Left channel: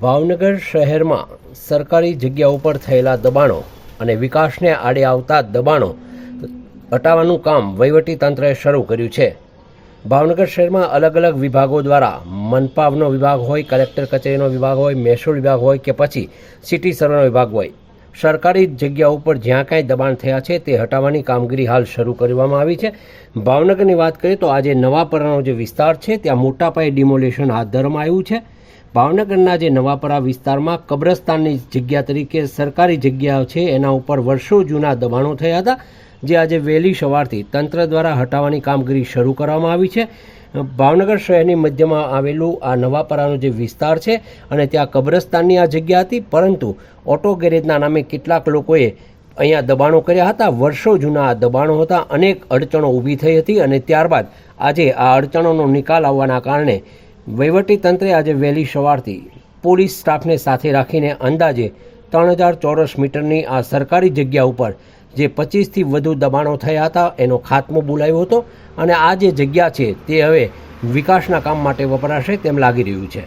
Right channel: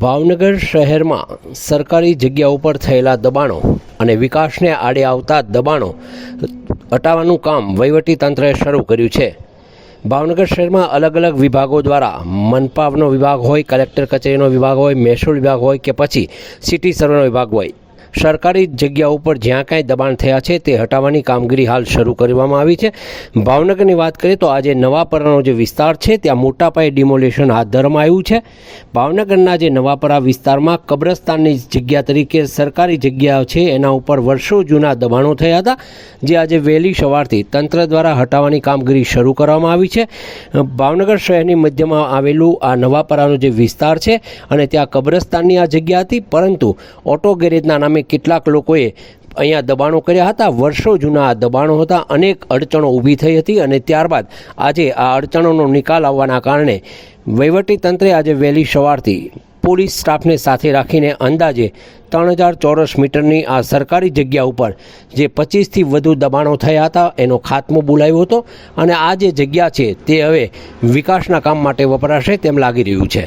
ભાવનગર શહેરમાં સરકારી જગ્યા ઉપર થયેલા દબાણો અને વિકાસને આડે આવતા દબાણો હટાવવાનું કામ તંત્રએ શરૂ કર્યું છે. ભાવનગર શહેરમાં અલગ અલગ વિભાગો દ્વારા મનપાવનો વિભાગ હોય, કલેક્ટર કચેરીનો વિભાગ હોય, મહેસૂલ વિભાગ હોય કે પછી સિટી સર્વેનો વિભાગ હોય સરકારી જગ્યા ઉપર જ્યાં કાંઈ દબાણ થયા છે તે હટાવવાની કામગીરી હાલ શરૂ કરવામાં આવી છે. ભાવનગરની વાત કરીએ તો આજે નવાપરાનો જે વિસ્તાર છે ત્યાં મોટા પાયે ડિમોલેશન હાથ ધરવામાં આવ્યું છે. ભાવનગરના જે નવાપરા વિસ્તારમાં કબ્રસ્તાનની જગ્યા તરીકે સરકારી જગ્યા છે એના ઉપર વર્ષો જૂના દબાણો થયા હતા, જે આજે વહેલી સવારથી તંત્ર દ્વારા હટાવવાની કામગીરી શરૂ કરવામાં આવી છે. ભાવનગર શહેરની મધ્યમાં આવેલું આ નવાપરાનો જે વિસ્તાર છે અને ત્યાં કબ્રસ્તાનની આ જગ્યા હતી, પરંતુ ઓટો ગેરેજના નામે કેટલાક લોકોએ અહીંયા દબાણો કર્યા હતા. વર્ષો જૂના આ દબાણો હતા. અનેક અડચણો ઊભી થઈ હતી અને ત્યારબાદ આજે આ અડચણોનો નિકાલ આવવાના કારણે તંત્રે આજે વહેલી સવારથી પોલીસ સ્ટાફને સાથે રાખીને અંદાજે ત્રણ હજાર ચોરસ મીટરની આ સરકારી જગ્યા ઉપર જે પચીસથી વધુ દબાણો થયા હતા એનો ખાત્મો બોલાવ્યો હતો અને આ જે જગ્યા છે તે હવે વિકાસના કામ માટે વપરાશે તેમ લાગી રહ્યું છે.